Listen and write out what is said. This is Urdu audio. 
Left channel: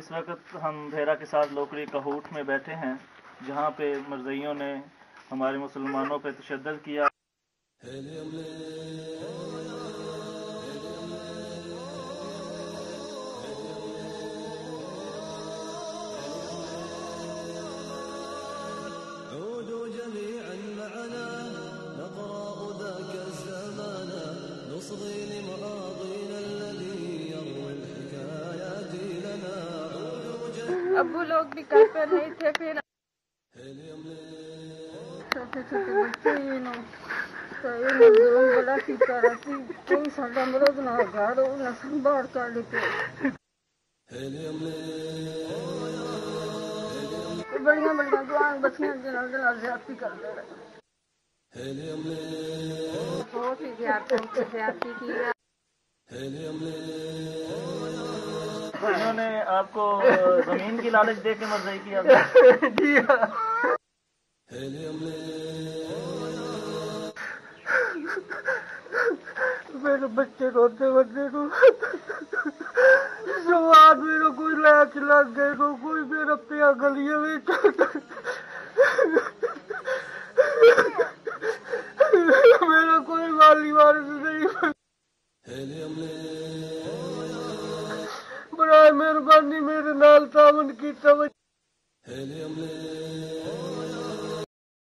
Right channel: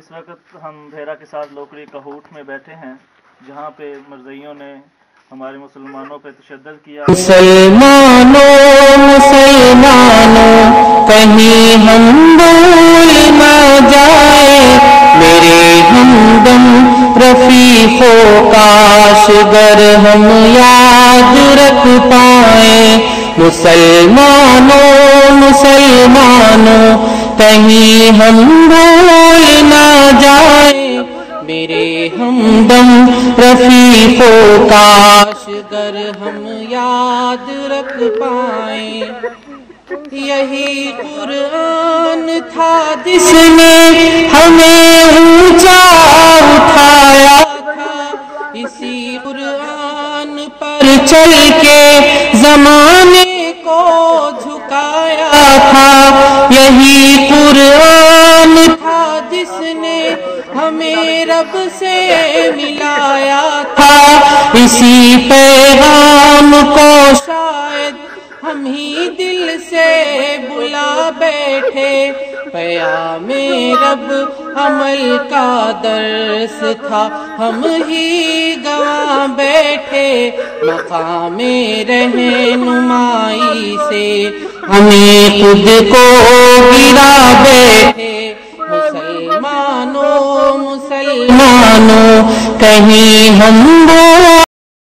اس وقت ہم بھیرا کے ساتھ لوکڑی کہوٹ میں بیٹھے ہیں جہاں پہ مرزائیوں نے ہمارے مسلمانوں پہ تشدد کیا۔ مسلمانوں کہیں ہم بھول نہ جائے میرے ہمدم رفیقوں، کاش گر ہم یاد رکھ پائیں۔ مسلمانوں کہیں ہم بھول نہ جائیں میرے ہمدم رفیقوں، کاش گر ہم یاد رکھ پائیں۔ یہی قرآن تھا جس نے ہمیں اونچا اٹھایا تھا، اسی قرآن پر چل کے زمانے کو جھکایا تھا۔ یہی قرآن تھا جس نے ہمیں رب سے ملایا تھا، اسی پیغام کو شاید ہم ہی دل سے بھلا بیٹھے۔ پیام رب عمل کا درس تھا، ہم ہی گواہ بیٹھے۔ مقام رہنمائی سے ہمیں خود کو گرا بیٹھے۔ مسلمانوں کہیں ہم